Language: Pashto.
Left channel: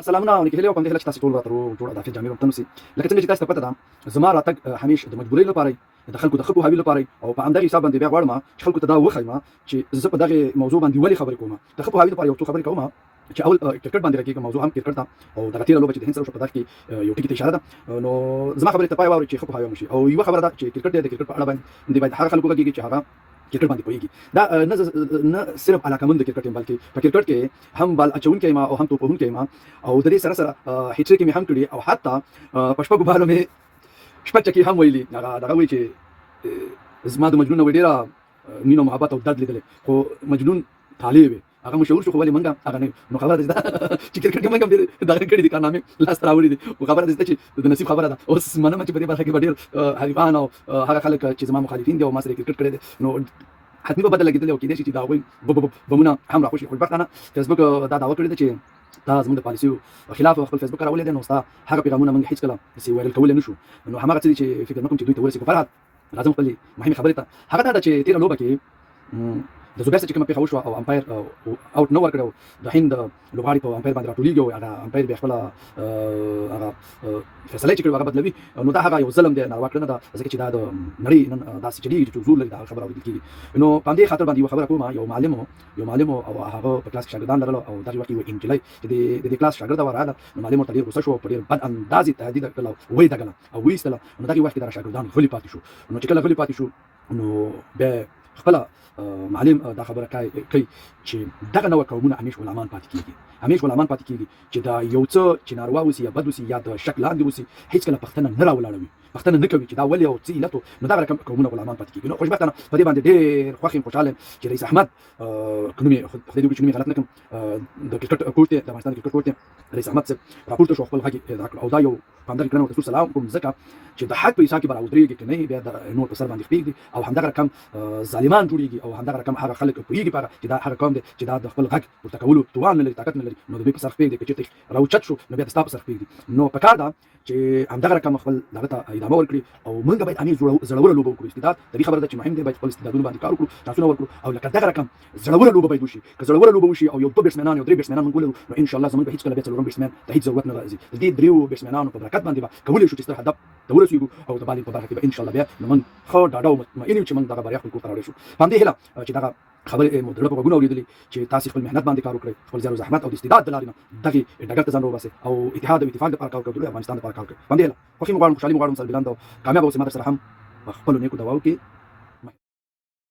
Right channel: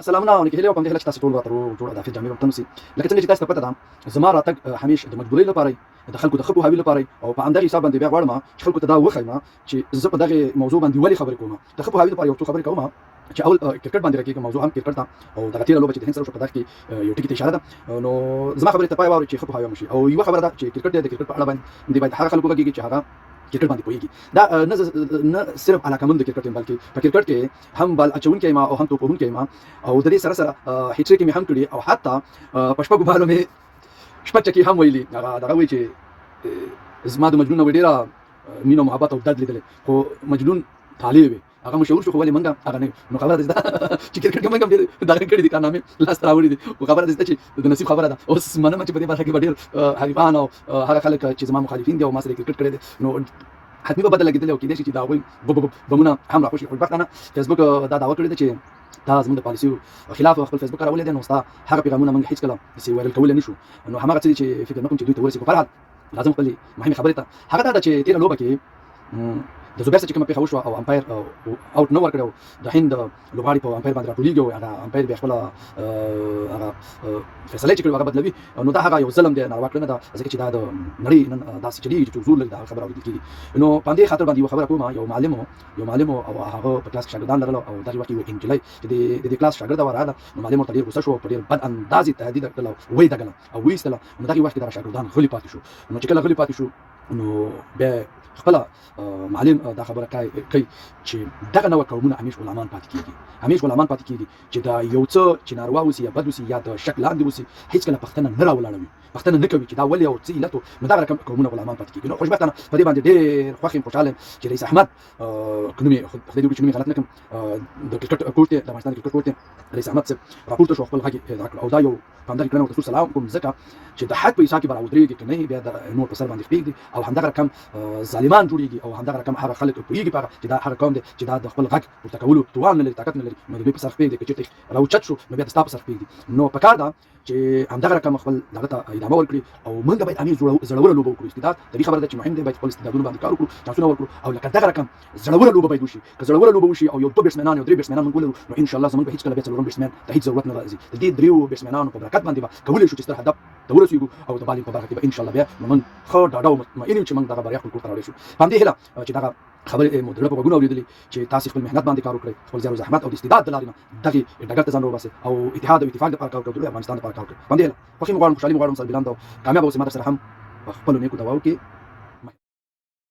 سلامونه علیکم هیله کوم د هیله چې تاسو ټول وترو جوړه د جامع وطن سي لکه څنګه چې تاسو ته پته ده زما راتګ همیش د مجبورۍ لپاره د خلکو د خپو حوی لپاره او په همدغه حساب باندې بیا غواړم چې خلکو ته دا وښیم چې زه په دغه موضوع باندې ولې خبرې کوم د خپو حوی لپاره یو څه خبرې کوم چې اول کرکټ باندې راکېږم موضوع هم کرکټ ده او د لاتینو لوبه چې د هند سره په دغه کې یو ټکی اشاره ده نو زما خبرې ته پای ووري چې خپو حوی مشي او یو خبره ده چې کرکټ د کرکټ په اړه باندې باید هغه خلکو کې چې هغه کرکټ باندې پوهیږي دا نه صرف علاقمند د کرکټ بلکې په کرکټ کې هم بال اچونکي ما او هم توپونکي ما او د دې سره سره هټریک مې هم کړی او حتی په شپږو بالو مې شپږ چکي هم ویلي دغه وایي چې زما د مجنون وډیره مینه محبت او درد لیدل خو مجنون طالب هغه مشهور شو خو ولې منګه هغه نه نو خبره ده چې کرکټ کې منګه دا کړی دي کارنامې لاس راوړي دي او خبره ده چې د نصیب خبره ده اوس منم چې په دې برخه کې ډېر حریفان او هغه خلک چې زما مخالفین دي او ما سره کرکټ کړی دي نو حتمي به بدل کېدل او کېدای شي چې دا وایي بمونه هم راخوشي خو وختانه فیسبوک دا دعوه کړې ده چې دا زموږ د پالیسیو خلاف خپل فیسبوک راولې ده نو ستا هغه پیغامونه موږ هیڅ کله سي وایرل کول نه شو نو هماغه څه چې فکر نکوم چې دوی ته ورسي په فرحت لازم خپل مهمه خبره ته هغه دا چې تیر لوبه کې د زوبیر چې کوم په خبر شو او امپایر اوټ نو ورکړو د هند لوبغاړي په امپایر باندې راټولېږي او هغه امپایر به خپل هغه فیصله چې کړو هغه بدلوي نو دا هغه یو ظلم دی ناروا کړنه ده ځکه چې دا د نړۍ نن داسې چلیږي چې حضور لري دا خبره اورېدل کېږي نو په دې خاطر باندې یو خبره کوم یو معلم او هغه په کلاس کې شاګردان لرل او دغه وخت یو انجلۍ چې د کلاس شاګرد وراله نو معلم ورته ډېر غوسه شو په ډېر بد انداز تهدید کړل وایي دغه او وایستله نو دغه وخت دا شاګردان غلي پاتې شو نو چې کله غلي پاتې شو نو به خپل معلم دا خبره کوي چې دغه نوع قومونه همیش غلامان پاتې کېږي چې دا یو څه چې ناروا وسي یا بد وسي یا د شک لاندې وسي هیڅ کله پښتنه نه راولاړوي پښتنه نه کوي چې دا ولې او څه علت نو دا رقم قومونه غلامان پاتې کېږي نو خوشبختانه په دې باندې ډېر خوښ یم خوشحاله یم چې رئیس احمد خدای دې وکړي چې نوم یې غلط نه کړم د کرکټ کوچ دی د افغانستان د کرکټ کوچ دی رئیس احمد صاحب راپورته شو خپل غږ او دا یو په همدغه کړنه ورته سلام کوم ځکه چې د حق په حساب کې به راودرېږي که نه بیا د نور په سر باندې خپېږدي او همدغه رقم ظالمان جوړېږي او همدغه رقم هغه خلک پوهېږي په هغه چې دا هغه قوم دی چې دا د خپل غږ پورته کولو توان نه لري طاقت نه لري نو د دوی په سر خپېږدي که چېرته راوچت شو نو بیا د ستا په سر خپېږدي نو پکار ده چې همدغه رقم خپل دغه ته ادامه ورکړي او موږ باید همېش زړوره لوبه وکړو استعداد د دې خبره ده چې مهم دی باید خپل استعدادونه باندې کار وکړو چانسونه ورکړو او لکه دغه رقم زړوره لوبه باید وشي که زړوره لوبه وشي او یو دوه بیټسمنان یو درې بیټسمنان موږ ولرو نو انشاءالله زموږ به هېڅکله بیا څلورم بیټسمن ته هېڅ ضرورت نه راځي د دې دریو بیټسمنانو په برکت باندې به کولی شو چې ستر هدف ته ورسېږو او د بالینګ په برخه کې به انشاءالله بیا نو موږ ښه ډاډه او مطمئن یو چې موږ دغه بریا خپل کور ته راوړی شو په همدې هیله چې دغه خبرې مو د زړه په غوږونو اورېدلې چې تاسې خپل محنت باندې کار وکړئ خپل زیار او زحمت او د استعداد د لارې نه دغې ډګر ته ځان راوباسئ او اتحاد او اتفاق لپاره کار وکړئ د افغانستان لپاره کار وکړئ په همدې هیله خوښي مو غواړم خوشحالي مو غواړم سره بلند او کامیاب اوسئ ما درسره هم خپلو نیکو دعاو کې